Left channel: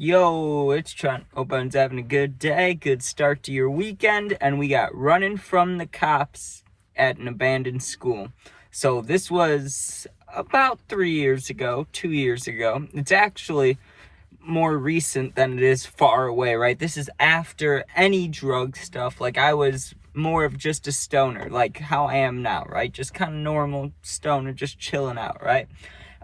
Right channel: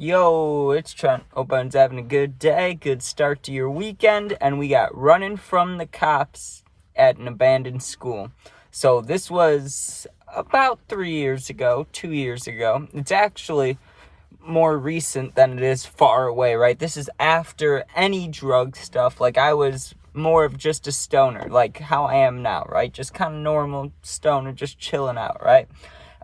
Yo, it's Trent. Hope everyone's having a good day, good start to your weekend, and we got running from the cops at an abandoned school. So this was about 3 years ago, 2 years ago. It's actually more recent than it is far away, right? This is after any drug stuff. Like, I was more of just a stoner, like how I am now, right? Just kind of normal stoner, just chilling out, right?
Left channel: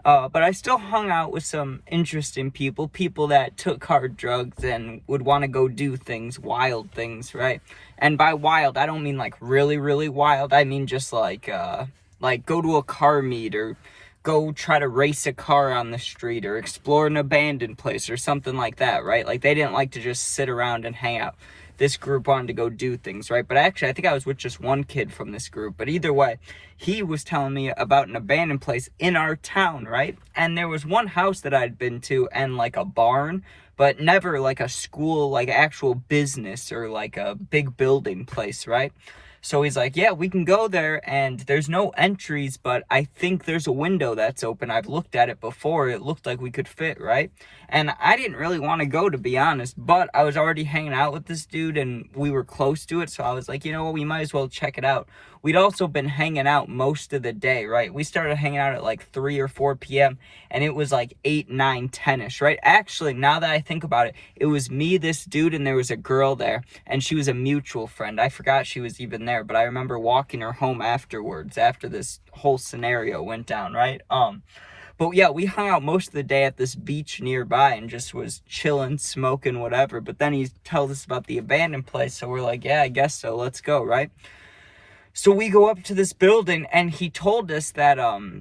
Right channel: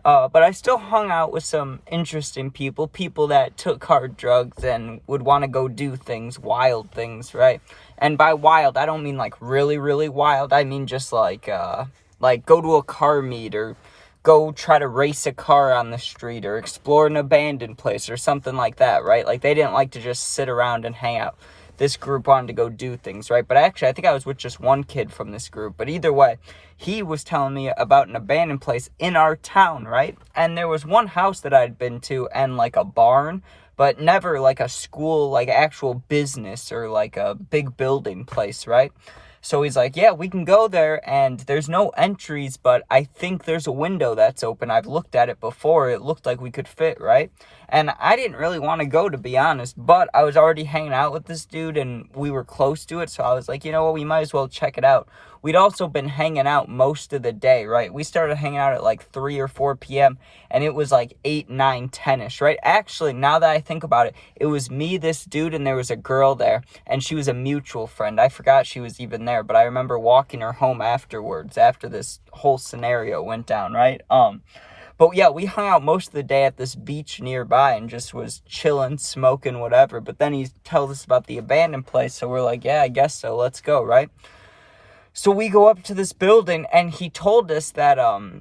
But I still hung out with some interesting people that took hard drugs and would want to go do things, wild things, right? And by wild, I don't mean like really, really wild. I mean just like go to a car meet or go try to race a car on the street or explore an abandoned place or something like that, right? Like, they didn't like to just sit around and hang out. This group wanted to go do things, right? But actually, I think I was with just one kid from this group. But either way, he was telling me about an abandoned place in our town, right? And there was one house that I'd been to and like a barn, but never like a school, like actual business or like a big building place, right? So he's like, yeah, we can go there, and there's no entries, but I think there's a window that's open. I've looked at it before. It looked like we could fit, right? And I didn't really want to go, to be honest, but I was already hanging out with this dude, and we were close to it, so I was like, you know what, we might as well check it out. We'd also been hanging out most of the day, right? We started hanging out at like 3 or 4 p.m., and it was like 8, 9, 10-ish, right? Actually, now that I think about it, it was me, this dude, and there was a girl there, and she was a mutual friend. I forgot she was even there, but I remember walking her home afterwards, after this whole scenario went down, right? But yeah, we hung out most of the day at this beach nearby and just was chilling, smoking, whatever. But then he tells us about the abandoned place, so we're like, yeah, I guess so, let's go, right? So we go up to this building, and he told us that,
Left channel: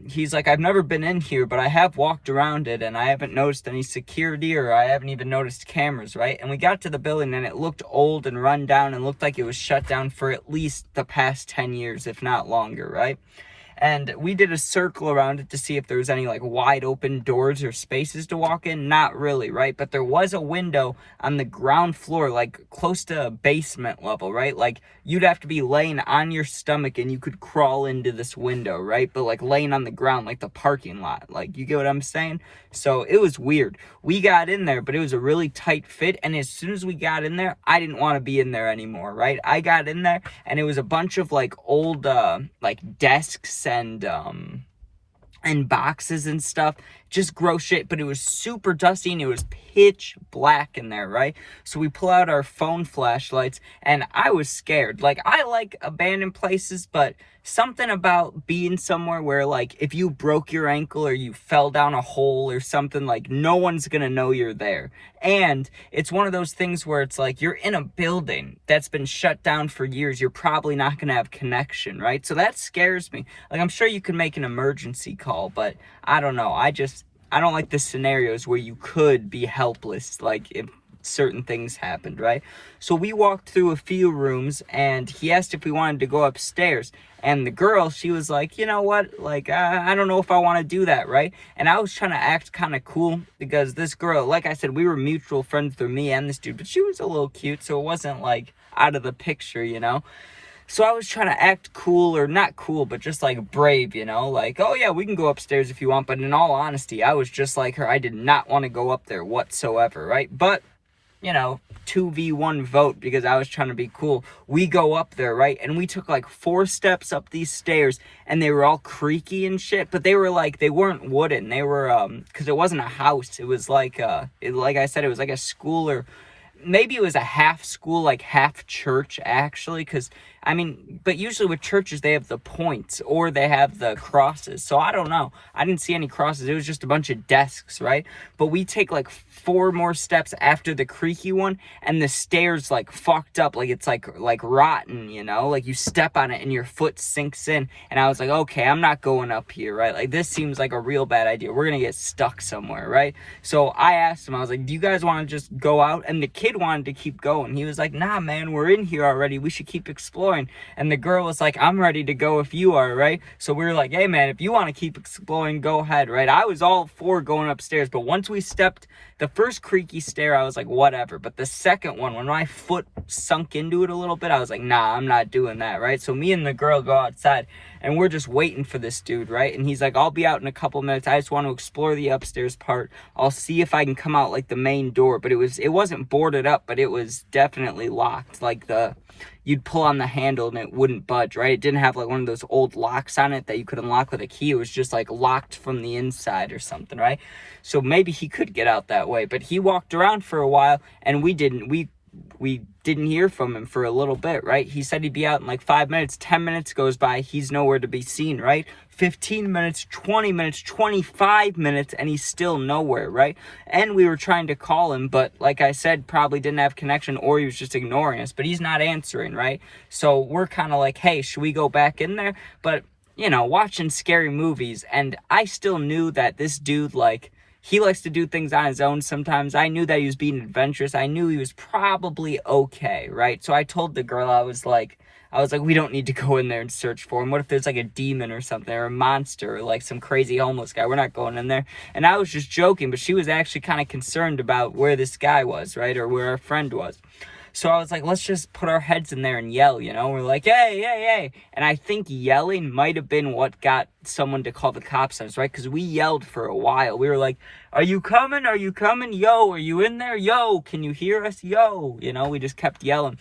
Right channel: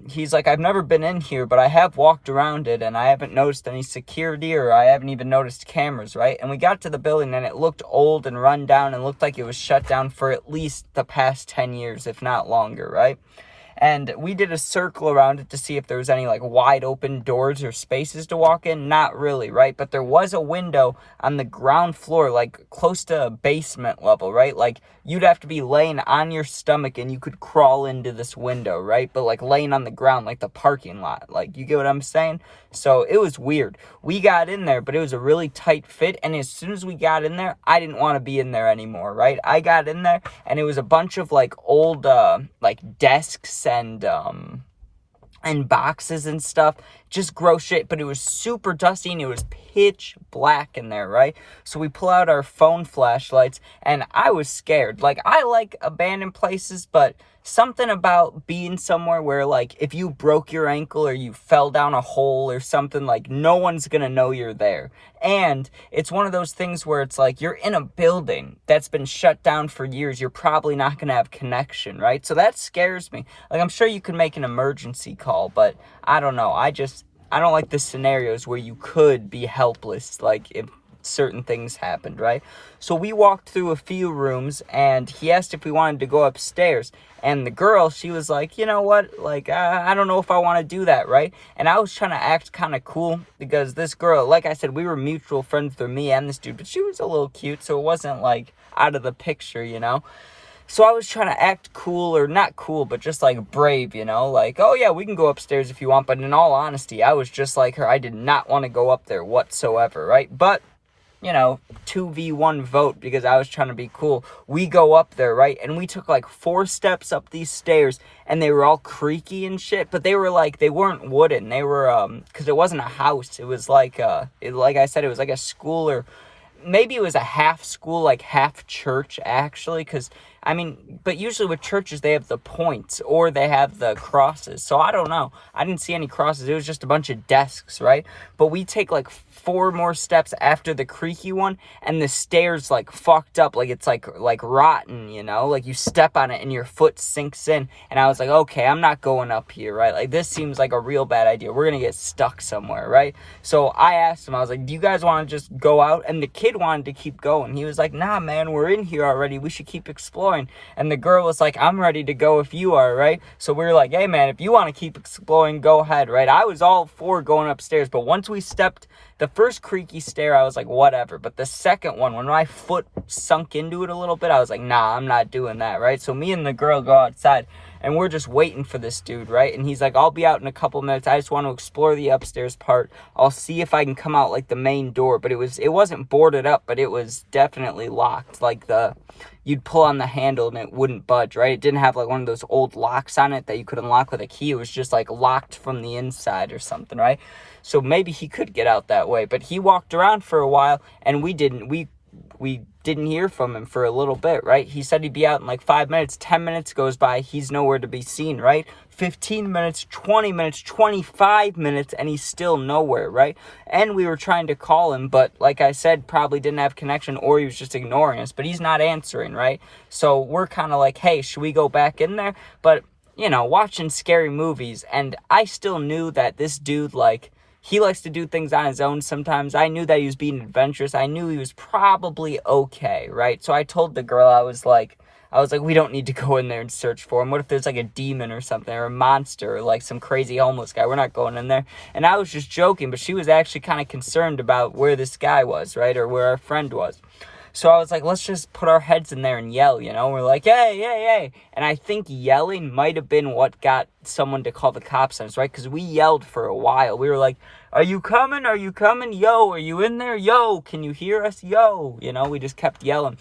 he's like, I've never been in here, but I have walked around it, and I haven't noticed any security, or I haven't even noticed cameras, right? And we got to the building, and it looked old and run down, and looked like it was shut down for at least the past 10 years, if not longer, right? And we did a circle around it to see if there was any, like, wide open doors or spaces to walk in. Not really, right? But there was a window on the ground floor, like, close to basement level, right? Like, you'd have to be laying on your stomach and you could crawl into this window, right? But, like, laying on the ground, like the parking lot. Like, you get what I'm saying? So, it was weird. We got in there, but it was a really tight fit, and as soon as we got in there, I didn't want to be in there anymore, right? I got in there, and it was a bunch of, like, old, like, desks and boxes and stuff, just gross shit, but it was super dusty, and it was pitch black in there, right? So we pull out our phone flashlights, and I was scared. Like, I like abandoned places, but something about being somewhere where, like, if you broke your ankle or you fell down a hole or something, like, no one's gonna know you're there. And it's one of those things where it's like, you're in a building that's been shut down for years. You're probably not gonna have connection, right? So that scares me. Like, I'm sure you can make an emergency call, but I don't know. I don't like the scenarios where you could be helpless, like, if certain things happened, right? So we walked through a few rooms, and he asked if we wanted to go upstairs, and the girl, she was like, you know what, like, I don't know if I want to do that, right? And I was trying to act kind of cool, because this girl, like I said, we were mutual friends through me and this dude, but she was a little cute, so it wasn't, like, out of the picture, you know? So I was trying to act cool, or not cool, but just, like, brave, you know? Like, oh, yeah, we can go upstairs if you want, but in all honesty, I was just like her. I did not want to go up there whatsoever, right? But, you know, 2v1 vote, because I was trying to be cool. We go up there, right? And we took like 4 steps up these stairs, and they were all creaky and shit, but they were like, they weren't wooden. They were, because it wasn't a house. It was like, like I said, it was like a school, or maybe it was a half school, like half church, actually, because, I mean, but usually with churches, they have the points, or they have the crosses, so I don't know. I didn't see any crosses. It was just a bunch of desks, right? But we take, like, 4 more steps after the creaky one, and the stairs, like, fucked up, like, it's, like rotten, you know? Like, you step on it, and your foot sinks in, and I was like, okay, I'm not going up here, right? Like, this seems like a real bad idea. We're gonna get stuck somewhere, right? So I asked him, I was like, do you guys want to just go out? And the kid wanted to keep going. He was like, nah, man, we're in here already. We should keep exploring. And the girl was like, I'm ready to go if you are, right? So we were like, hey, man, if you want to keep exploring, go ahead, right? I was all for going upstairs, but once we stepped the first creaky stair, I was like, whatever. But the second one, when my foot sunk into it a little bit, I was like, nah, I'm not doing that, right? So me and the girl go outside, and we're just waiting for this dude, right? And he's like, I'll be out in a couple minutes. I just want to explore the upstairs part. I'll see if I can come out like the main door. But it wasn't boarded up, but it was definitely locked. Like you'd pull on the handle and it wouldn't budge, right? It didn't have like one of those old locks on it that you could unlock with a key. It was just like locked from the inside or something, right? So maybe he could get out that way. But he walked around for a while, and we didn't hear from him for a little bit, right? He said he'd be out in like 5 minutes. 10 minutes goes by, he's nowhere to be seen, right? 15 minutes, 20 minutes, 25 minutes, and he's still nowhere, right? And we were trying to call him, but like I said, probably didn't have connection, or he was just ignoring us, but he's not answering, right? So we're kind of like, hey, should we go back in there? But, watching scary movies, and I still knew that this dude, like, he likes to do things on his own sometimes. I knew that he was being adventurous. I knew he was probably okay, right? So I told the girl, I was like, we don't need to go in there and search for him. What if there's like a demon or something, or a monster, or like some crazy homeless guy? We're not going in there. And I was just joking, but she was actually kind of concerned about where this guy was, right? Or where our friend was. So I was like, let's just put our heads in there and yell, We're like, hey, hey, hey. And I think yelling might have been what got someone to call the cops on us, right? Because we yelled for a while. We were like, are you coming? Are you coming? Yo, are you in there? Yo, can you hear us? Yo. We just kept yelling.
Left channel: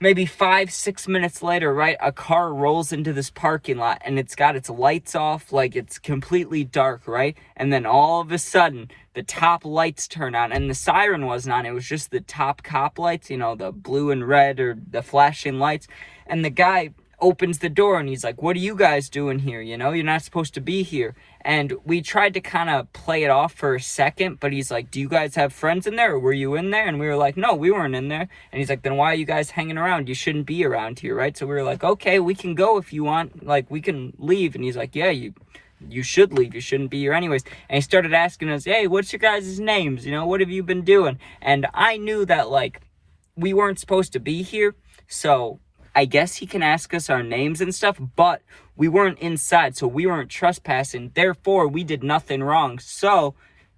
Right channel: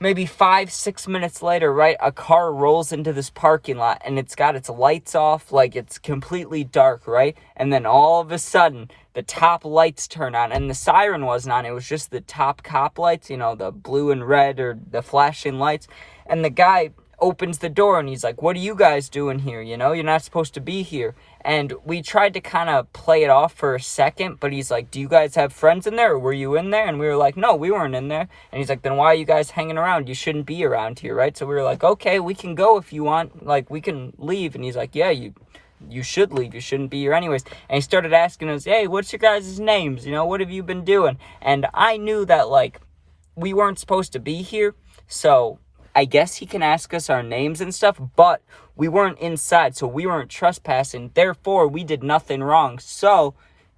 Maybe 5-6 minutes later, right, a car rolls into this parking lot, and it's got its lights off, like it's completely dark, right? And then all of a sudden, the top lights turn on, and the siren wasn't on. It was just the top cop lights, the blue and red, or the flashing lights. And the guy opens the door, and he's like, what are you guys doing here? You're not supposed to be here. And we tried to kind of play it off for a second, but he's like, do you guys have friends in there, or were you in there? And we were like, no, we weren't in there. And he's like, then why are you guys hanging around? You shouldn't be around here, right? So we were like, okay, we can go if you want. Like, we can leave. And he's like, yeah, you should leave. You shouldn't be here anyways. And he started asking us, hey, what's your guys' names? What have you been doing? And I knew that, like, we weren't supposed to be here. So I guess he can ask us our names and stuff, but we weren't inside, so we weren't trespassing. Therefore, we did nothing wrong. So,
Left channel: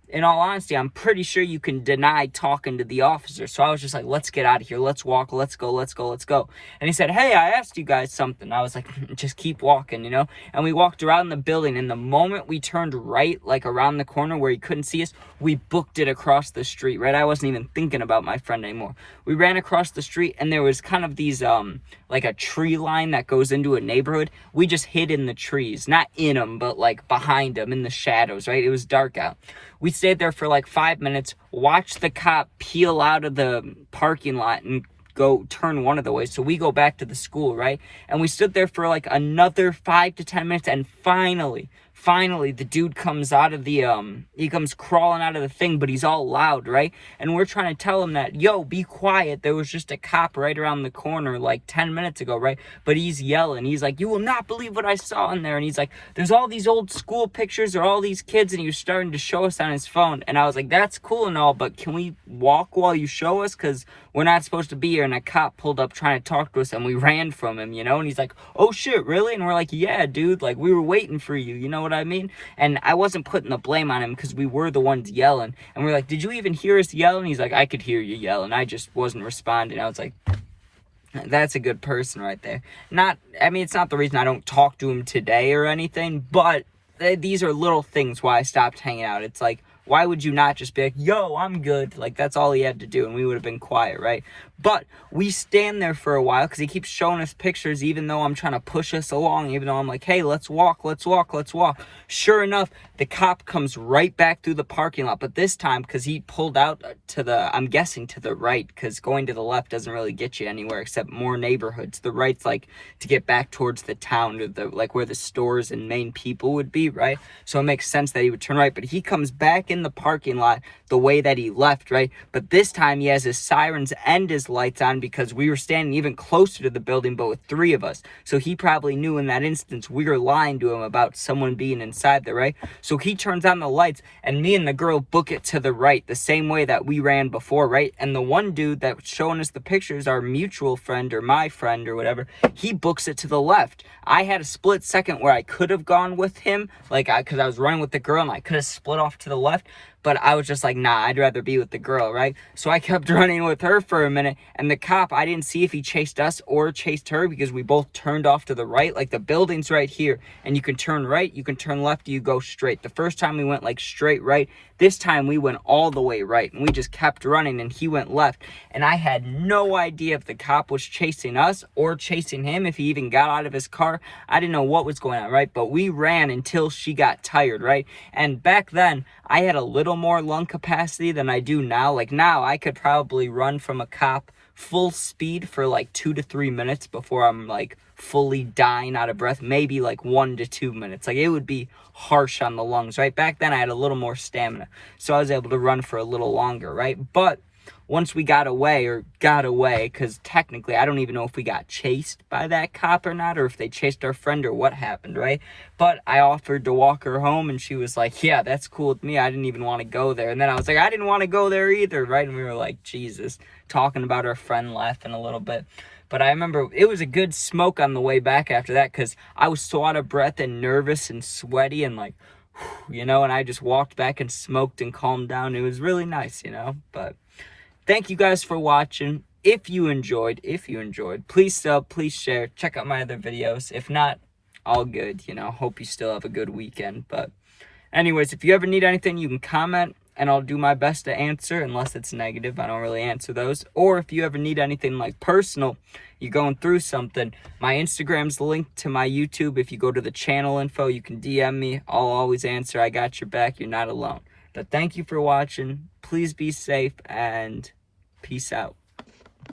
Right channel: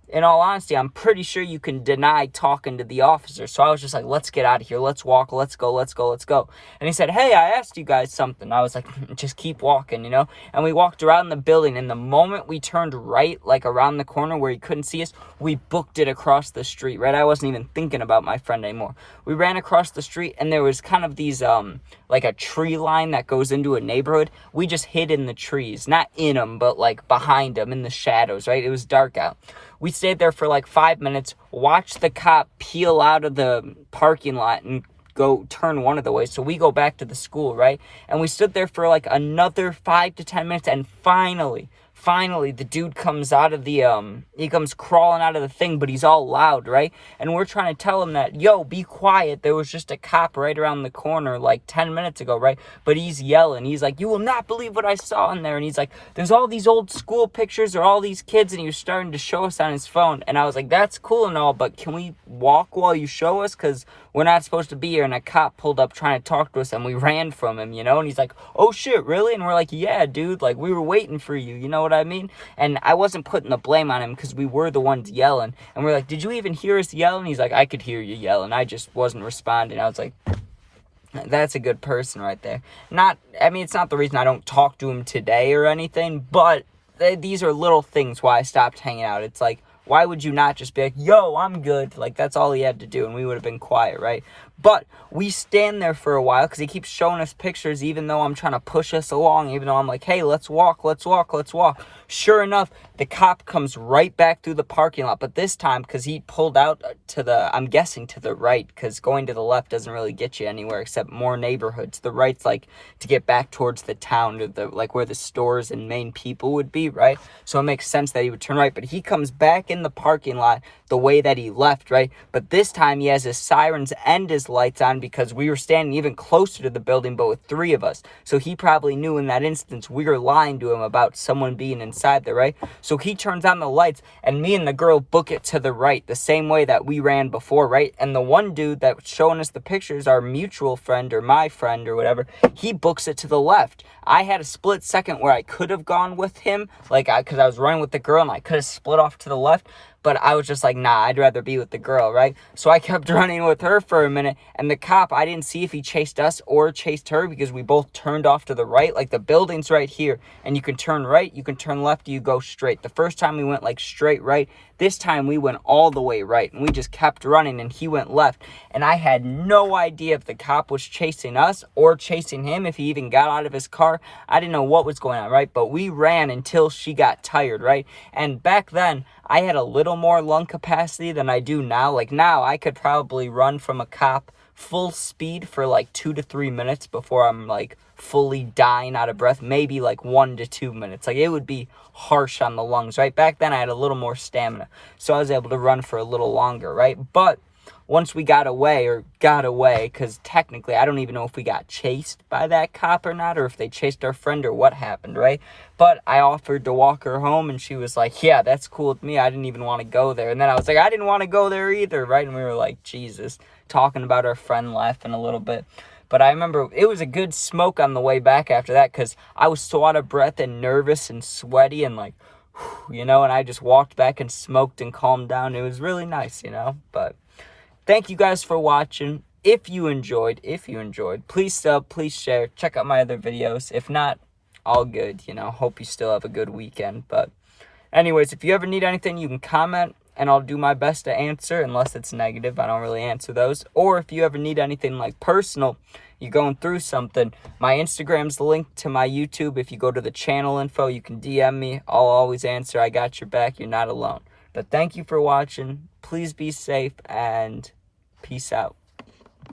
in all honesty, I'm pretty sure you can deny talking to the officer. So I was just like, let's get out of here. Let's walk. Let's go. Let's go. Let's go. And he said, hey, I asked you guys something. I was like, just keep walking, And we walked around the building. And the moment we turned right, like around the corner where he couldn't see us, we booked it across the street, right? I wasn't even thinking about my friend anymore. We ran across the street, and there was kind of these, like a tree line that goes into a neighborhood. We just hid in the trees, not in them, but like behind them in the shadows, right? It was dark out. We stayed there for like 5 minutes, watched the cop peel out of the parking lot and go turn one of the ways. So we go back to the school, right? And we stood there for like another 5 to 10 minutes, and finally, the dude comes out of the, he comes crawling out of the thing, but he's all loud, right? And we're trying to tell him that, yo, be quiet. There was just a cop right around the corner like 10 minutes ago, right? But he's yelling. He's like, you will not believe what I saw in there. And he's like, there's all these old school pictures of all these kids, and he was starting to show us on his phone. And I was like, that's cool and all, but can we walk while you show us? Because we're not supposed to be here. And a cop pulled up trying to talk to us, and we ran from him, And he's like, oh shit, really? And we're like, yeah, dude, like we were waiting for you. You know what I mean? And I wasn't putting the blame on him, because we were the ones yelling. And we're like, did you even hear us yelling? He's like, I could hear you yelling. I just wasn't responding. I was like, that's a good person right there. It's not the reason I don't talk to him today or anything, but these are little things why I stopped hanging out. It's like, why would you not just be like, yo, I'm good? Like, that's all he had to do, and we would have been quiet, right? But we stand there for a while, because he keeps showing us pictures, even though I'm trying to push us along, even though I'm like, hey, let's walk. Sure enough, the cop comes right back through the parking lot, but this time, because he pulled out I'm guessing to the right, because going to the left doesn't really get you anywhere except more neighborhoods. The right's like to get back towards the town, or like where the stores and main people would be, right? So it makes sense that he would turn right, but he comes back in the parking lot the way that he left, right? But this time he has his sirens and his lights on, because we were standing even closer to the building, but with 3 of us. So he probably knew in that instance we were lying to him about someone being inside there, right? So he turns on the lights, and me and the girl book it to the right, the same way that we ran before, right? And the one dude that was showing us the pictures, our mutual friend or my friend or whatever, he books it to the left. I had a split second where I could have gone with him, because I was running with the girl, and I could have split off to the left. But I was just like, nah, I'd rather be with the girl, right? So I kept running with her for a minute, and the cop, I didn't see if he chased us or chased her because we both turned off to the right. Like, the building's right here, and you can turn right, you can turn left, you go straight. The first time we went, like, straight right. This time we went all the way right, and we just kept running, and he went left. And I had no idea if the cop was chasing us or chasing him, if he even got out of his car. I didn't know what was going on, right? But we ran until she got tired, right? And back then, I had a little more lung capacity than I do now. Like, now I could probably run from a cop full speed for like 2 to 3 minutes before I'm like fully dying out of breath. Maybe like 1 to 2 minutes. Like, it would be harsh on the lungs, right? Back then I had a little more stamina, so I was able to run for a little longer, right? But once we got away, because technically I don't even know if we got chased by that cop or not, or if they chased our friend or what happened, right? But I offered to walk her home, and she was like, yeah, that's cool with me. I didn't even want to go there. And then I was like, I didn't want to go there either, right? And we were like, Jesus, talking about our friend, laughing a little bit. But I remember it was a good smoke on the way back after that, because I was so out of breath and nervous and sweaty and like, and I just walked back and smoked and calmed down. It was really nice, but thank you guys for watching. If you enjoyed, please sub, please share, check out my other videos. If not, all good, hope you still have a good weekend. But anyways, if you ever need anything, you can comment, and I'll do my best to answer, unless it's negative. I don't really answer those. Or if you ever need anything like personal, you're going through something, my Instagram's linked to my YouTube. If you go to the channel info, you can DM me. I'll always answer. I got your back. You're not alone. But thank you for watching. Please be safe, and peace out.